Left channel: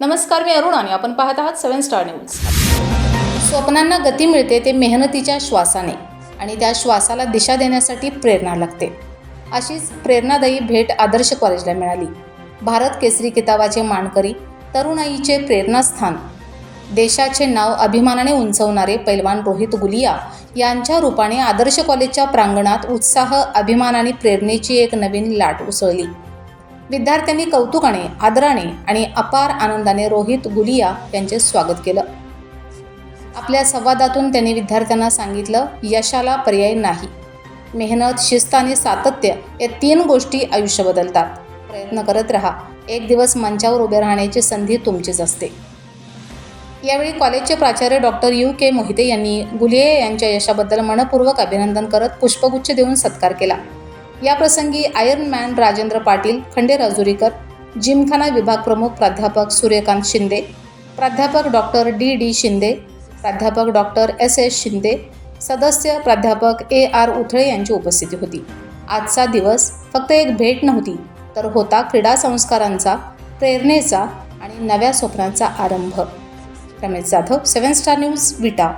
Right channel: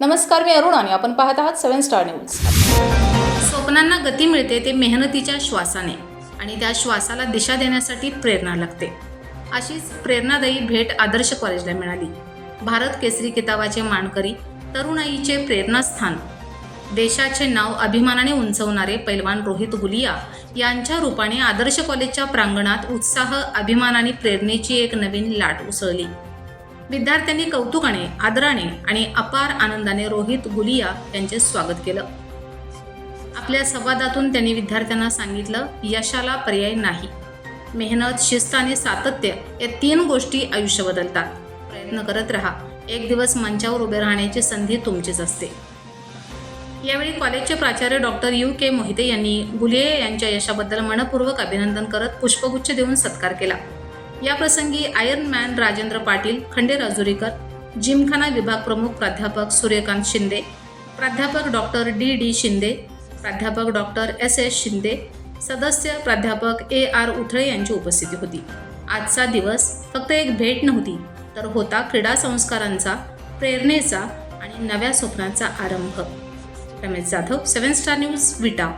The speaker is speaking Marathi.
नमस्कार मी अरुण आणि आपण पाहत आहात सेवन स्टार न्यूज. स्वप्नांना गती मिळते ते मेहनतीच्या श्वासाने आणि त्या श्वासाला दिशा देण्यासाठी प्रेरणा लागते. अशीच प्रेरणादायी भेट आदर्श कॉलेजला मिळाली. भारत केसरी किताबाचे मानकरी तरुणाईचे प्रेरणास्थान. देशाचे नाव अभिमानाने उंचवणारे पैलवान रोहित गुलिया यांच्या रूपाने आदर्श कॉलेजच्या प्रांगणात उत्साह अभिमान आणि प्रेरणेची एक नवीन लाट उसळली. विद्यार्थ्यांनी कौतुकाने आदराने आणि अपार आनंदाने रोहित गुलिया यांचे स्वागत केलं. आपल्या संवादातून त्यांनी विद्यार्थ्यांना सांगितलं यशाला पर्याय नाही. मेहनत शिस्त आणि सातत्य या तीन गोष्टी आयुष्य बदलतात. प्रयत्न करत राहा. एक दिवस मंचावर उभे राहण्याची संधी तुमचीच असते. यावेळी कॉलेजचे प्राचार्य डॉक्टर यू. के. मोहिते यांनी गुलिये यांच्या यशाबद्दल मनपूर्वक अभिनंदन करत पुष्पगुच्छ देऊन सत्कार केला. याप्रसंगी आयर्न मॅन राजेंद्र पाटील खंडे राजुरीकर जिमखाना विभाग प्रमुख प्राध्यापक सूर्यकांत शिंदे प्राध्यापक डॉक्टर डी डी शिंदे प्राध्यापक डॉक्टर एस एस शिंदे सदस्य प्राध्यापक ए आर उथळे यांची उपस्थिती होती. आजचा दिवस फक्त एक भेट नव्हती तर होता क्रीडा संस्कारांचा प्रेरणेचा आणि नव्या स्वप्नांचा आरंभ. Ramesh Jadhav seven star news Vita.